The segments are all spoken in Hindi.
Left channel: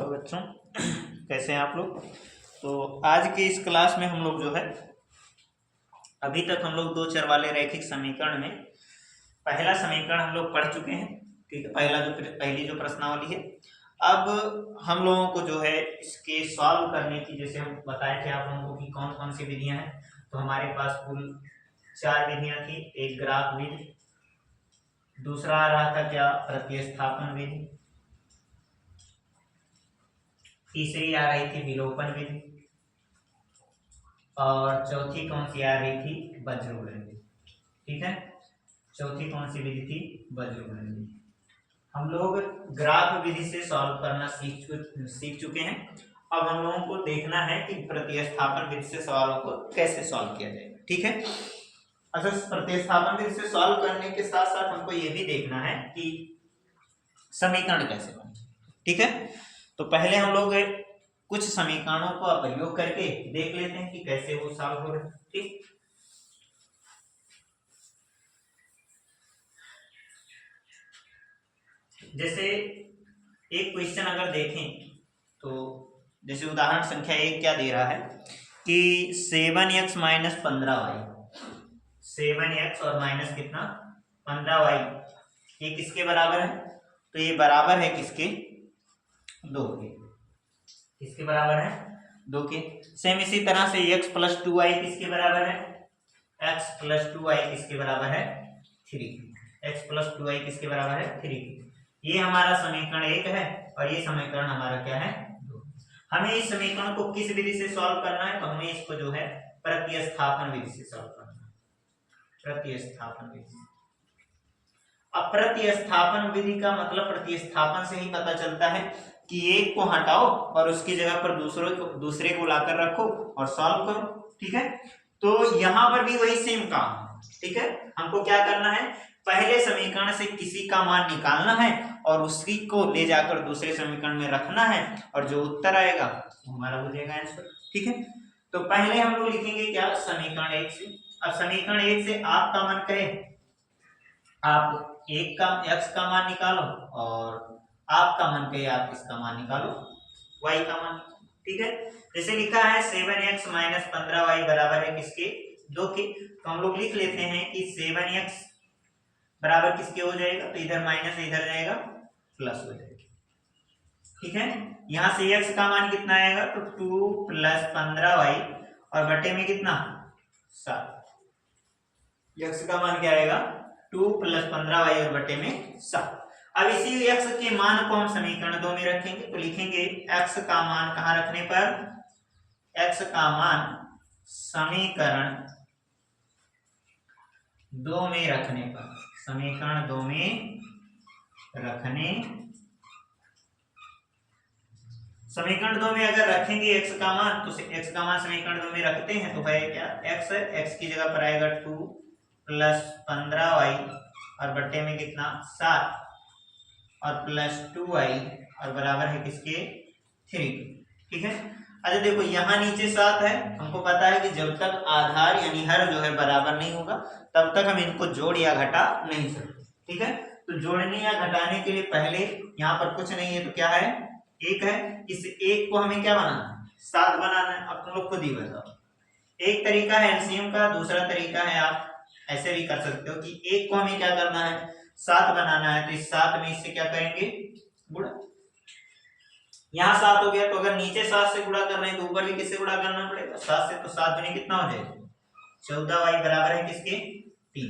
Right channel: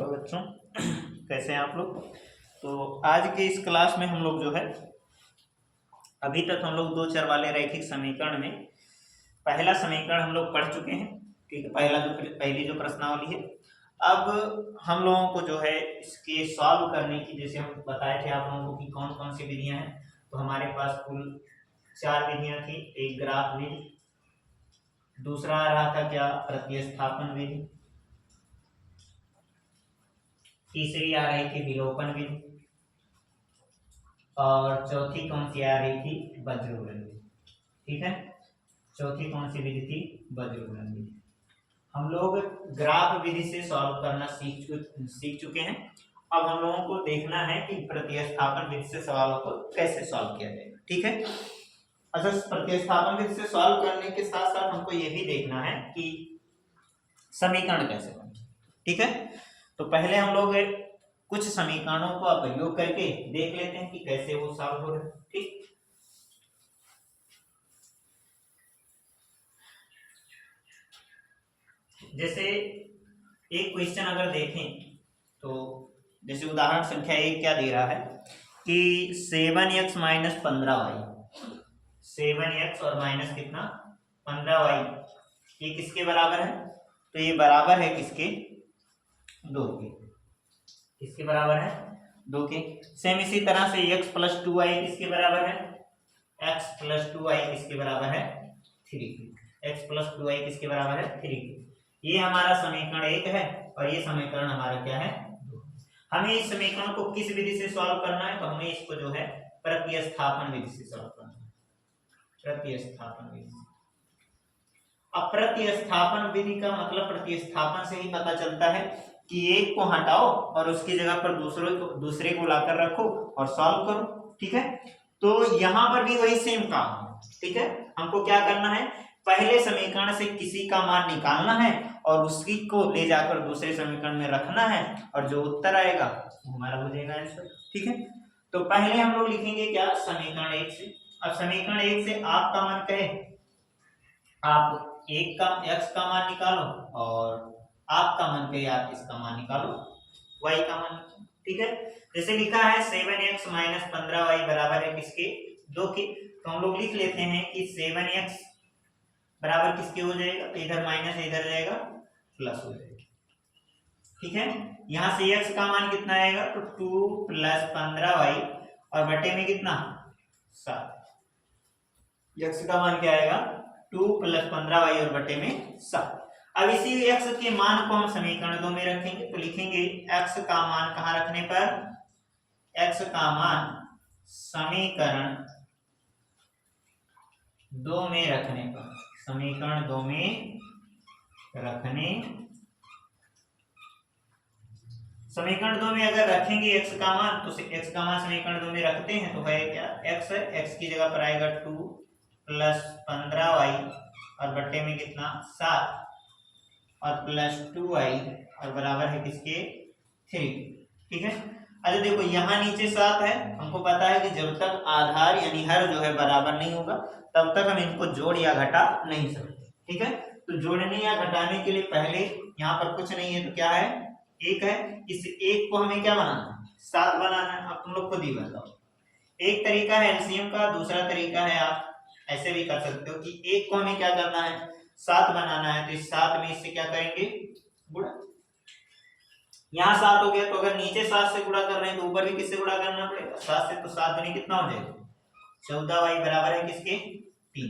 हेलो बच्चों, कैसे हैं आप लोग। तो आज की इस क्लास में हम लोग जो है अभी तक हम लोग दो चर वाले रैखिक समीकरण में पहला समीकरण हम लोग पढ़ चुके हैं। ठीक है, पहली जो प्रश्नावली है। अब हम लोगों को जो है इसके सॉल्व करने की, जैसे हम बताए थे आप लोगों को कि कौन कौन सी विधियां हैं। तो हमारे पास कुल 4 विधियां थी। एक ग्राफ विधि, दूसरा आ रहा था क्या प्रतिस्थापन विधि, तीसरी आ रही थी विलोपन विधि, और चौथी कौन सी आ रही थी वज्रघूर्ण विधि। ठीक है, चौथी कौन सी विधि थी वज्रघूर्ण विधि। हम लोग ग्राफ विधि से सॉल्व करना सीख चुके हैं। अब हम लोगों को देखना है कि प्रतिस्थापन विधि से सवालों को कैसे सॉल्व किया जाएगा। ठीक है, अच्छा, प्रतिस्थापन विधि से सॉल्व करने के साथ साथ हमको ये भी देखना है कि समीकरण कैसे बने। ठीक है, तो पहले हम लोग कुछ समीकरणों का प्रयोग करके देख लेते हैं कि कैसे वो सॉल्व हो रहे हैं। ठीक, जैसे एक क्वेश्चन अगर देखें तो जैसे उदाहरण संख्या 1 क्या दे रहा है कि 7x माइनस 15y, 7x और माइनस कितना 15y, ये किसके बराबर है। तो ये बराबर है किसके, 2 के। किसके बराबर है, 2 के। सेम इसी तरह से x प्लस 2y किसके बराबर है, x प्लस 2y किसके बराबर है 3 के। x प्लस 2y किसके बराबर है 3 के। ये हमारा समीकरण 1 है और ये समीकरण हमारा क्या है 2। हमें इस समीकरण को किस विधि से सॉल्व करना है, तो हमें इसको जो है प्रतिस्थापन विधि से सॉल्व करना है। प्रतिस्थापन विधि। अब प्रतिस्थापन विधि का मतलब प्रतिस्थापन से ही पता चलता है कि एक को हटाओ और उसकी जगह पर दूसरे को लाकर रखो और सॉल्व करो। ठीक है, तो यहां पर भी वही सेम काम है। ठीक है, हमको क्या करना है, पहले समीकरण से किसी का मान निकालना है और उसी को ले जाकर दूसरे समीकरण में रखना है और जो उत्तर आएगा वो हमारा हो जाएगा आंसर। ठीक है, तो पहले हम लोग लिखेंगे क्या समीकरण 1 से। अब समीकरण 1 से आपका मान कहे, आप एक का x का मान निकालो और आपका मन कहे आप इसका मान निकालो y का मान। ठीक है, जैसे लिखा है 7x माइनस 15y बराबर है किसके 2 के। तो हम लोग लिख लेते हैं कि 7x बराबर किसके हो जाएगा, तो इधर माइनस इधर जाएगा प्लस हो जाएगा। ठीक है, यहां से x का मान कितना आएगा, तो 2 प्लस 15y और बटे में कितना 7। x का मान क्या आएगा 2 प्लस 15y और बटे में 7। अब इसी x के मान को हम समीकरण 2 में रखेंगे। तो लिखेंगे x का मान कहां रखने पर, x का मान समीकरण 2 में रखने पर, समीकरण 2 में रखने, समीकरण 2 में अगर रखेंगे x का मान, तो x का मान समीकरण 2 में रखते हैं तो है क्या x है, x की जगह पर आएगा 2 प्लस 15y और बटे में कितना 7 और प्लस 2y और बराबर है किसके 3। ठीक है, अच्छा देखो यहाँ नीचे 7 है, हमको पता है कि जब तक आधार यानी हर जो है बराबर नहीं होगा तब तक हम इनको जोड़ या घटा नहीं सकते। ठीक है, तो जोड़ने या घटाने के लिए पहले यहाँ पर कुछ नहीं है तो क्या है 1 है। इस 1 को हमें क्या बनाना है 7 बनाना है। अब तुम लोग खुद ही बताओ, एक तरीका है एलसीएम का, दूसरा तरीका है आप ऐसे भी कर सकते हो कि 1 को हमें क्या करना है 7 बनाना है। तो इस 7 में इससे क्या करेंगे गुणा, यहाँ 7 हो गया तो अगर नीचे 7 से गुणा कर रहे हैं तो ऊपर भी किससे गुणा करना पड़ेगा 7 से। तो 7 दुनी कितना हो जाएगा 14y बराबर है किसके 3।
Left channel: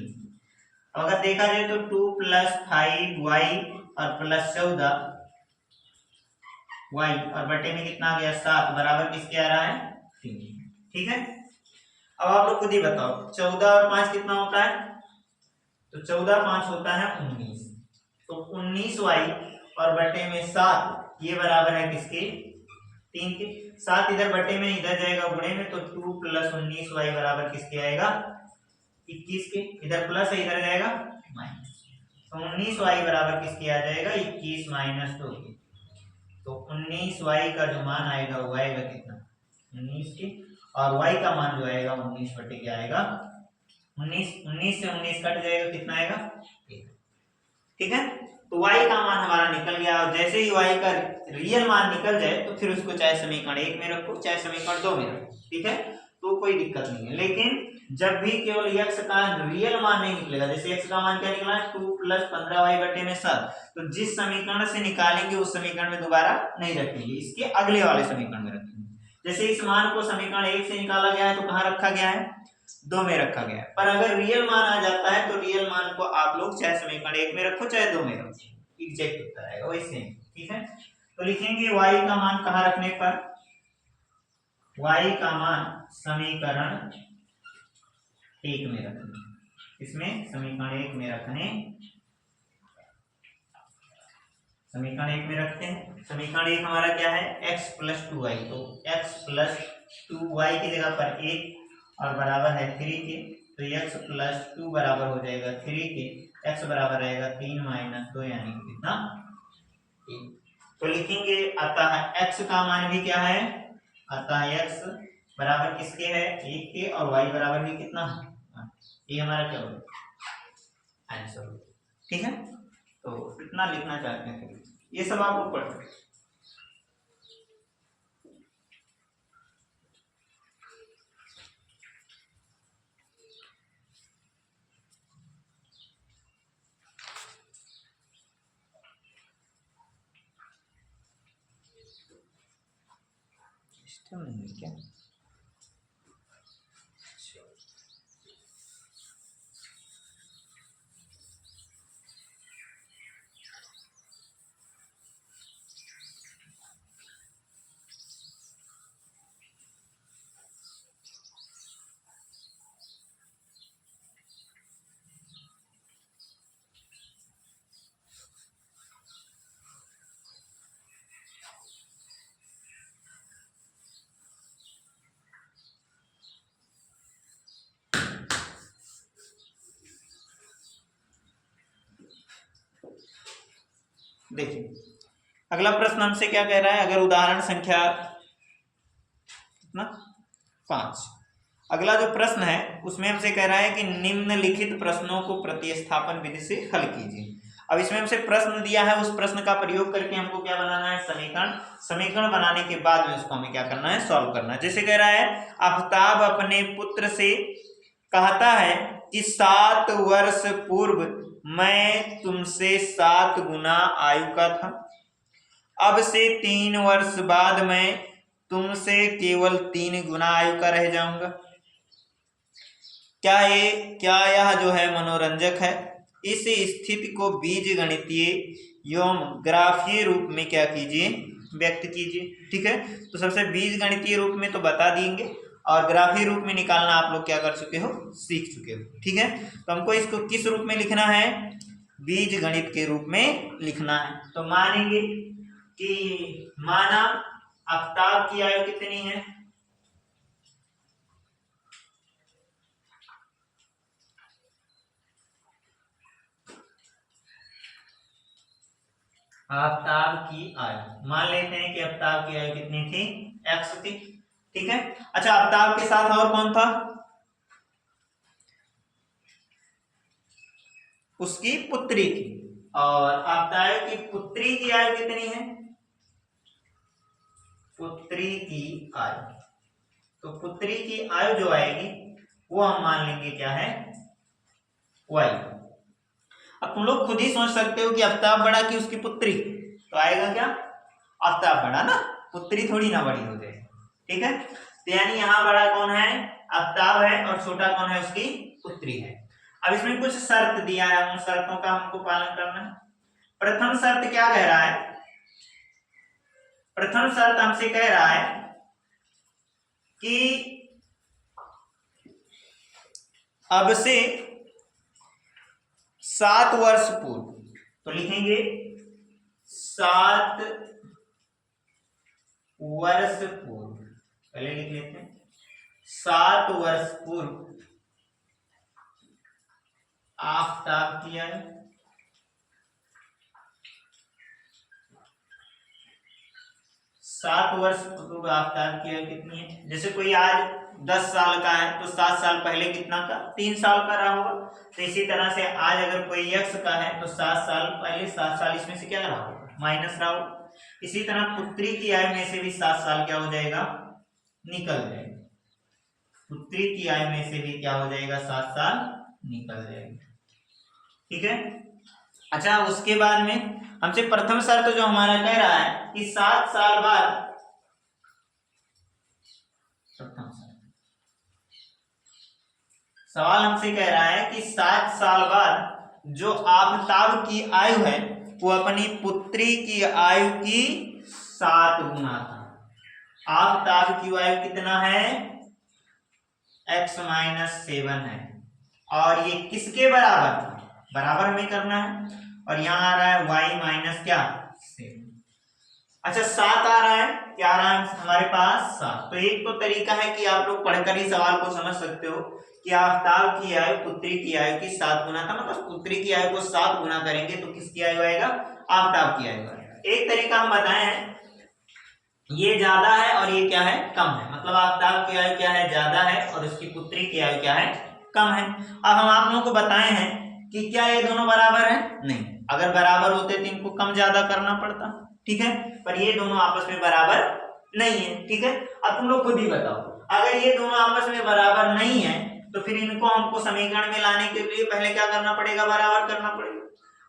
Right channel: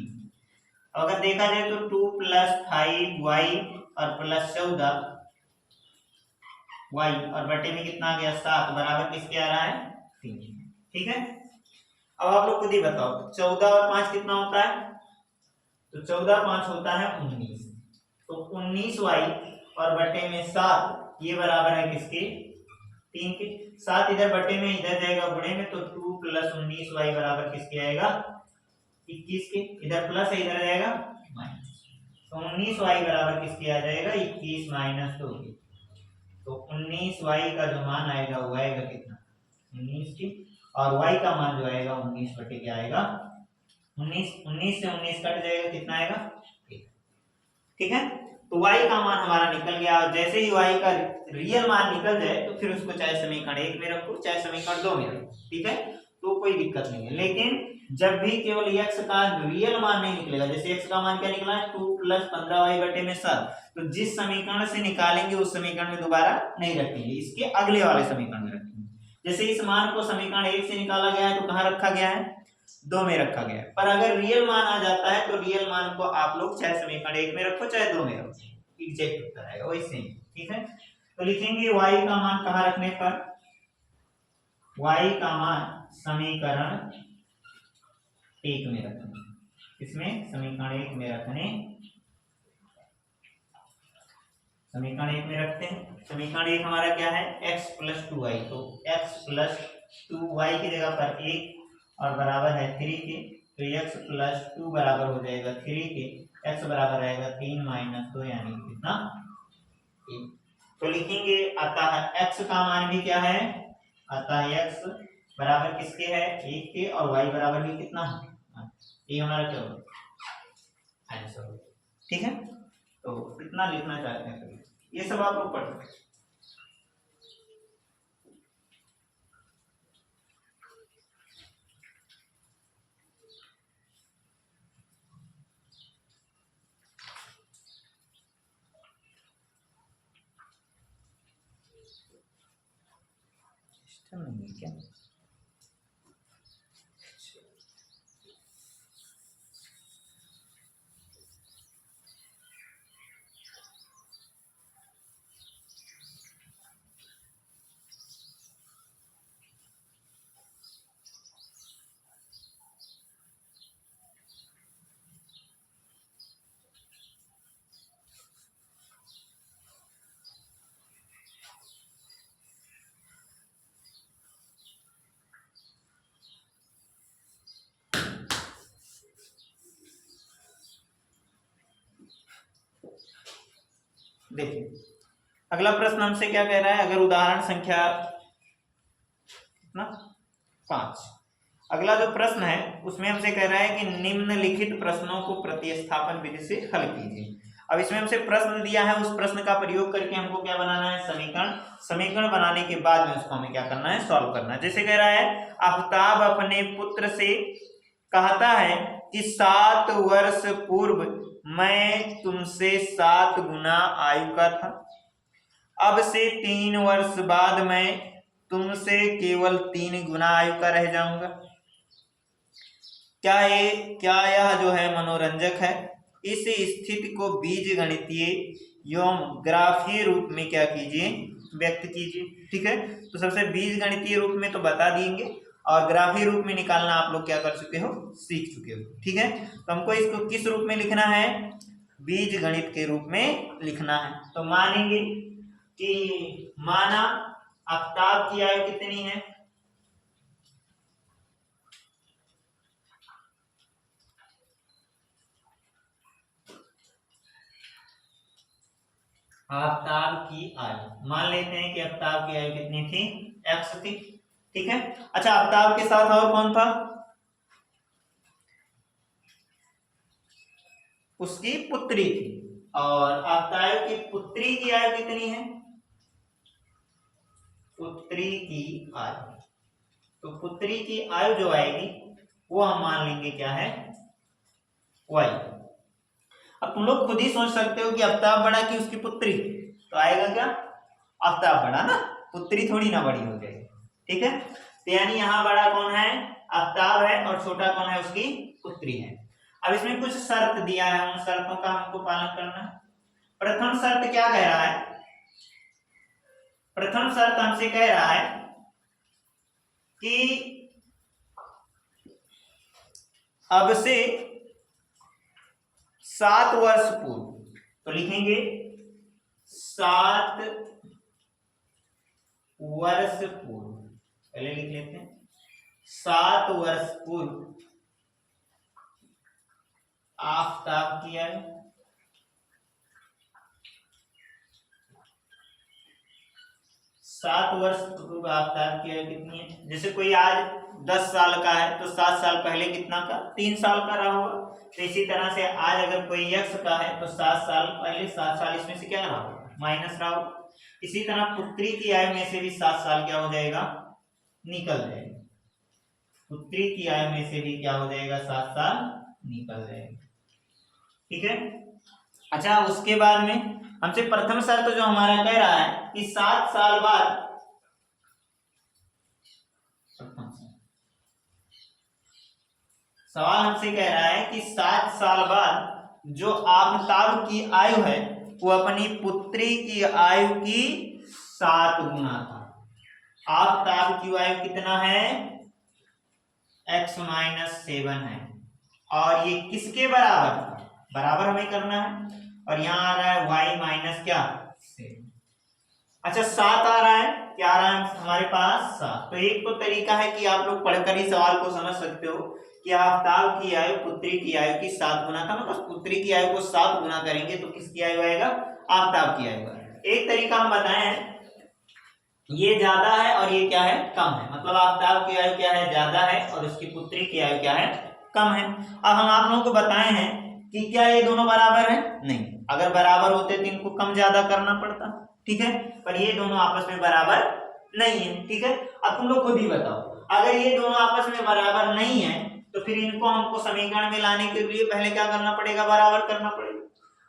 अगर देखा जाए तो 2 प्लस 5y और प्लस 14y और बटे में कितना आ गया 7 बराबर किसके आ रहा है 3। ठीक है, अब आप लोग खुद ही बताओ 14 और 5 कितना होता है, तो 14 5 होता है 19। तो 19y और बटे में 7 ये बराबर है किसके 3 के। 7 इधर बटे में इधर जाएगा गुणे में, तो 2 प्लस 19y बराबर किसके आएगा 21 के। इधर प्लस है इधर जाएगा माइनस, तो 19y बराबर किसके आ जाएगा 21 माइनस 2 के। तो 19y का जो मान आएगा वो आएगा कितना 19 के, और y का मान जो आएगा 19 बटे क्या आएगा 19। 19 से 19 कट जाएगा कितना आएगा 1। ठीक है, तो y का मान हमारा निकल गया, और जैसे ही y का रियल मान निकल जाए तो फिर उसको चाहे समीकरण 1 में रखो चाहे समीकरण 2 में रखो, ठीक है, तो कोई दिक्कत नहीं है। लेकिन जब भी केवल x का रियल मान नहीं निकलेगा, जैसे x का मान क्या निकला है 2 + 15y बटे में 7, तो जिस समीकरण से निकालेंगे उस समीकरण में दोबारा नहीं रखेंगे, इसके अगले वाले समीकरण में रखेंगे। जैसे इस मान को समीकरण 1 से निकाला गया है तो कहाँ रखा गया है, 2 में रखा गया है। पर अगर रियल मान आ जाता है तो रियल मान को आप लोग चाहे समीकरण 1 में रखो चाहे 2 में रखो, एग्जैक्ट उत्तर आएगा वैसे ही, ठीक है। तो लिखेंगे y का मान कहाँ रखने पर, y का मान समीकरण 1 में रखने, इसमें समीकरण 1 में रखने, समीकरण 1 में रखते हैं। समीकरण 1 हमारा क्या है, x + 2y, तो x + 2y की जगह पर 1 और बराबर है 3 के, तो x + 2 बराबर हो जाएगा 3 के, x बराबर रहेगा 3 - 2 यानी कितना 1। तो लिखेंगे अतः x का मान भी क्या है, अतः x बराबर किसके है 1 के, और y बराबर भी कितना है, ये हमारा क्या होगा आंसर, ठीक है। तो कितना लिखना चाहते हैं ये सब आप लोग पढ़ सकते हैं। नहीं है क्या, देखिए अगला प्रश्न हमसे क्या कह रहा है, अगर उदाहरण संख्या कितना 5, अगला जो प्रश्न है उसमें हमसे कह रहा है कि निम्नलिखित प्रश्नों को प्रतिस्थापन विधि से हल कीजिए। अब इसमें हमसे प्रश्न दिया है, उस प्रश्न का प्रयोग करके हमको क्या बनाना है समीकरण, समीकरण बनाने के बाद में उसको हमें क्या करना है सॉल्व करना है। जैसे कह रहा है आफ्ताब अपने पुत्र से कहता है कि 7 वर्ष पूर्व मैं तुमसे 7 गुना आयु का था, अब से 3 वर्ष बाद मैं तुमसे केवल 3 गुना आयु का रह जाऊंगा। क्या यह जो है मनोरंजक है। इस स्थिति को बीज गणितीय एवं ग्राफीय रूप में क्या कीजिए व्यक्त कीजिए, ठीक है। तो सबसे बीज गणितीय रूप में तो बता देंगे, और ग्राफीय रूप में निकालना आप लोग क्या कर चुके हो सीख चुके हो, ठीक है। तो हमको इसको किस रूप में लिखना है, बीज गणित के रूप में लिखना है। तो मानेंगे कि माना आफ्ताब की आयु कितनी है, आफ्ताब की आयु मान लेते हैं कि आफ्ताब की आयु कितनी थी x थी, ठीक है। अच्छा आफ्ताब के साथ और कौन था, उसकी पुत्री थी, और आफ्ताब की पुत्री की आयु कितनी है, पुत्री की आयु, तो पुत्री की आयु जो आएगी वो हम मान लेंगे क्या है y। अब तुम लोग खुद ही सोच सकते हो कि आफ्ताब बड़ा कि उसकी पुत्री, तो आएगा क्या आफ्ताब बड़ा ना, पुत्री थोड़ी ना बड़ी हो जाएगी, ठीक है। तो यानी यहाँ बड़ा कौन है आफ्ताब है, और छोटा कौन है उसकी पुत्री है। अब इसमें कुछ शर्त दिया है, उन शर्तों का हमको पालन करना है। प्रथम शर्त क्या कह रहा है, प्रथम शर्त हमसे कह रहा है कि अब से 7 वर्ष पूर्व, तो लिखेंगे 7 वर्ष पूर्व, पहले लिख लेते हैं 7 वर्ष पूर्व आफ्ताब की आयु, 7 वर्ष पूर्व आफ्ताब की आयु कितनी है? जैसे कोई आज 10 साल का है तो 7 साल पहले कितना का? 3 साल का रहा होगा। तो इसी तरह से आज अगर कोई x का है तो 7 साल पहले 7 साल इसमें से क्या रहा होगा? माइनस रहा होगा। इसी तरह पुत्री की आयु में से भी 7 साल क्या हो जाएगा? निकल जाएगा। पुत्री की आयु में से भी क्या हो जाएगा? 7 साल निकल जाएगा। ठीक है। अच्छा, उसके बाद में हमसे प्रथम शर्त जो हमारा कह रहा है कि 7 साल बाद, सवाल हमसे कह रहा है कि 7 साल बाद जो आफ्ताब की आयु है वो अपनी पुत्री की आयु की 7 गुना था। आफ्ताब की आयु कितना है? x-7 है और ये किसके बराबर था? बराबर हमें करना है और यहाँ आ रहा है y माइनस क्या? 7। अच्छा, 7 आ रहा है, क्या आ रहा है हमारे पास? 7। तो एक तो तरीका है कि आप लोग पढ़कर ही सवाल को समझ सकते हो कि आफ्ताब की आयु पुत्री की आयु की 7 गुना था, मतलब पुत्री की आयु को 7 गुना करेंगे तो किसकी आयु आएगा? आफ्ताब की आयु आएगा। एक तरीका हम बताए हैं, ये ज्यादा है और ये क्या है? कम है। मतलब आफ्ताब की आयु क्या है? ज्यादा है और उसकी पुत्री की आयु क्या है? कम है। अब हम आप लोगों को बताए हैं कि क्या ये दोनों बराबर है? नहीं। अगर बराबर होते तो इनको कम ज्यादा करना पड़ता, ठीक है, पर ये दोनों आपस में बराबर नहीं है। ठीक है, अब तुम लोग खुद ही बताओ, अगर ये दोनों आपस में बराबर नहीं है तो फिर इनको हमको समीकरण में लाने के लिए पहले क्या करना पड़ेगा? बराबर करना पड़ेगा।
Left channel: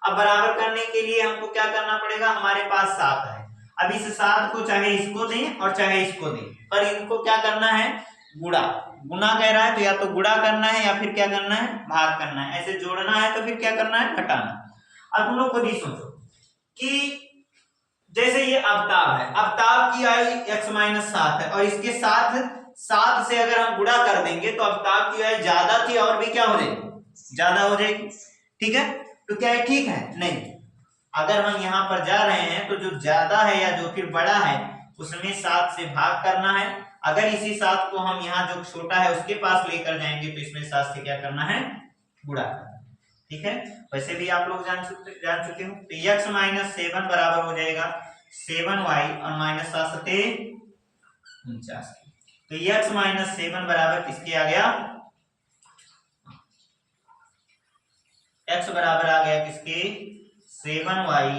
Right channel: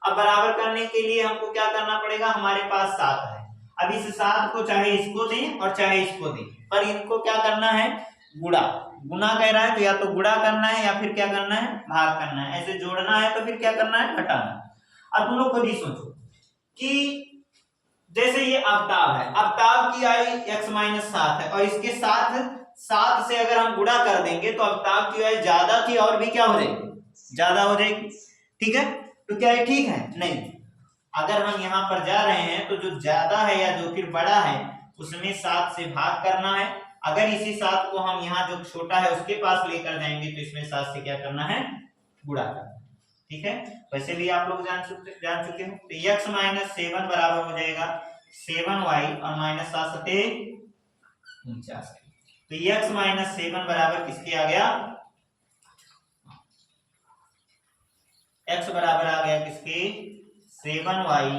अब बराबर करने के लिए हमको क्या करना पड़ेगा? हमारे पास 7 है, अब इस 7 को चाहे इसको दें और चाहे इसको दें, पर इनको क्या करना है? गुणा। गुना कह रहा है तो या तो गुणा करना है या फिर क्या करना है? भाग करना है। ऐसे जोड़ना है तो फिर क्या करना है? घटाना। अब तुम लोग खुद ही सोचो कि जैसे ये आफ्ताब है, आफ्ताब की आयु x-7 है और इसके साथ 7 से अगर हम गुणा कर देंगे तो आफ्ताब की आयु ज्यादा थी और भी क्या हो जाएगी? ज्यादा हो जाएगी। ठीक है, तो क्या है? ठीक है? नहीं। अगर हम यहाँ पर जा रहे हैं तो जो ज्यादा है या जो फिर बड़ा है उसमें 7 से भाग करना है। अगर इसी 7 को हम यहाँ जो छोटा है उसके पास लेकर जाएंगे तो इसमें 7 से क्या करना है? गुणा करना। ठीक है, वैसे भी आप लोग जान चुके हो। तो x-7 बराबर हो जाएगा 7y और -7 49। तो x-7 बराबर किसके आ गया? x बराबर आ गया किसके? 7y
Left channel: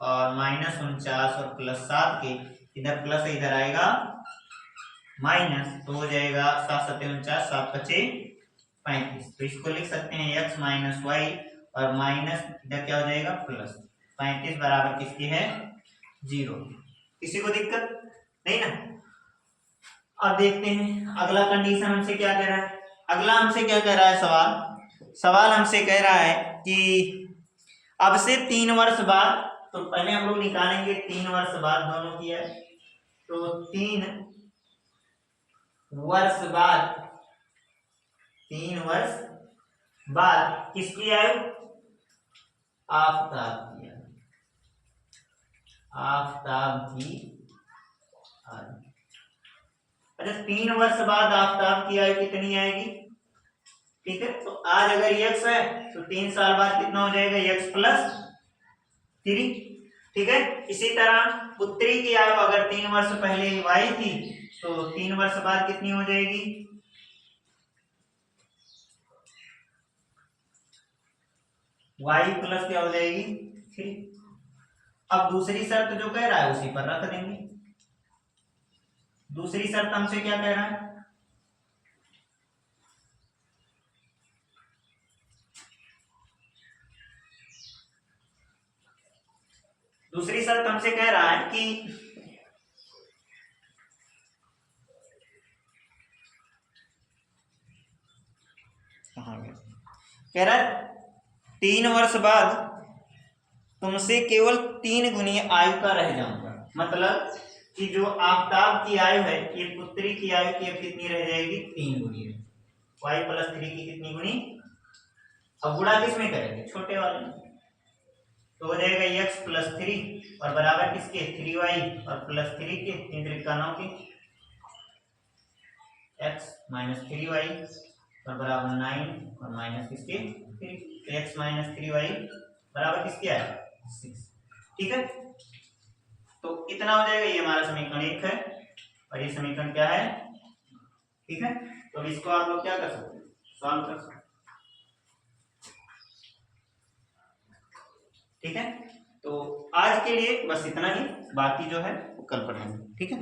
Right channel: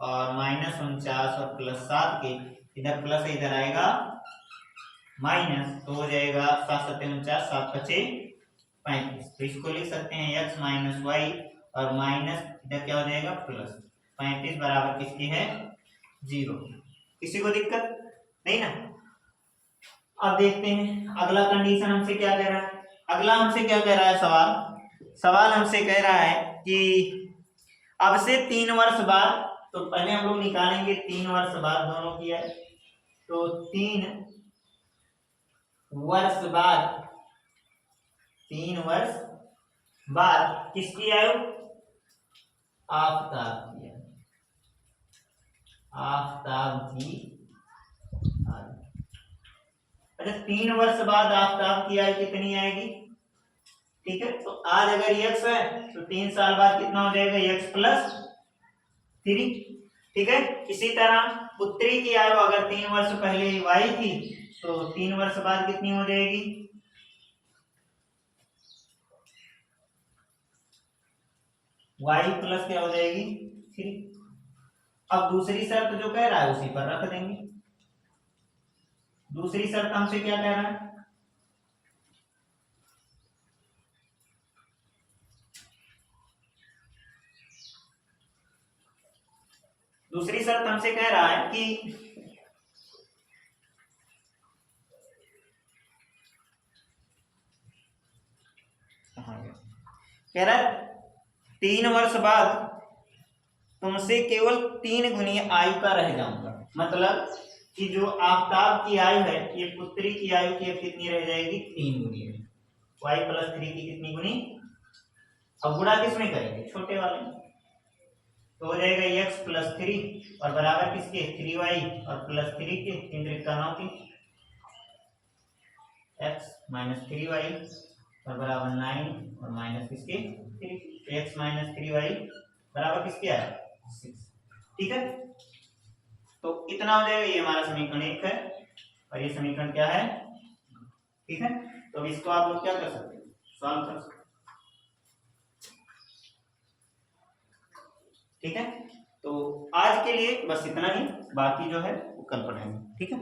और -49 और +7 के। इधर प्लस इधर आएगा माइनस, तो हो जाएगा 7 7 49, 7 5 35। तो इसको लिख सकते हैं x माइनस वाई और माइनस इधर क्या हो जाएगा? प्लस 35 बराबर किसके है? 0। किसी को दिक्कत नहीं ना? अब देखते हैं अगला कंडीशन हमसे क्या कह रहा है। अगला हमसे क्या कह रहा है सवाल हमसे कह रहा है कि अब से 3 वर्ष बाद, तो पहले हम लोग निकालेंगे 3 वर्ष बाद दोनों की है, तो 3 वर्ष बाद, 3 वर्ष बाद किसकी आयु? आफ्ताब की आयु। आफ्ताब की आयु। अच्छा, 3 वर्ष बाद आफ्ताब की आयु कितनी आएगी? ठीक है, तो आज अगर x है तो 3 साल बाद कितना हो जाएगा? x+3। ठीक है, इसी तरह पुत्री की आयु अगर 3 वर्ष पहले y थी तो 3 वर्ष बाद कितनी हो जाएगी? y प्लस क्या हो जाएगी? 3। अब दूसरी शर्त जो कह रहा है उसी पर रख देंगे। दूसरी शर्त हमसे क्या कह रहा है? दूसरी शर्त हमसे कह रहा है कि कह रहा है 3 वर्ष बाद तुमसे केवल 3 गुनी आयु का रह जाऊंगा। मतलब कि जो आफ्ताब की आयु है ये पुत्री की आयु की अब कितनी रह जाएगी? 3 गुनी है। y+3 की कितनी गुनी? अब गुणा किसमें करेंगे? छोटे वाले में। तो हो जाएगा x+3 और बराबर किसके? 3y और +3 के, 3 त्रिका 9 के, x -3y और बराबर 9 और माइनस किसके? 3। x -3y बराबर किसके आया? 6। ठीक है, तो इतना हो जाएगा। ये हमारा समीकरण 1 है और ये समीकरण क्या है, ठीक है। तो अब इसको आप लोग क्या कर सकते हैं, सॉल्व कर सकते हैं, ठीक है। तो आज के लिए बस इतना ही, बाकी जो है वो कल पढ़ेंगे, ठीक है।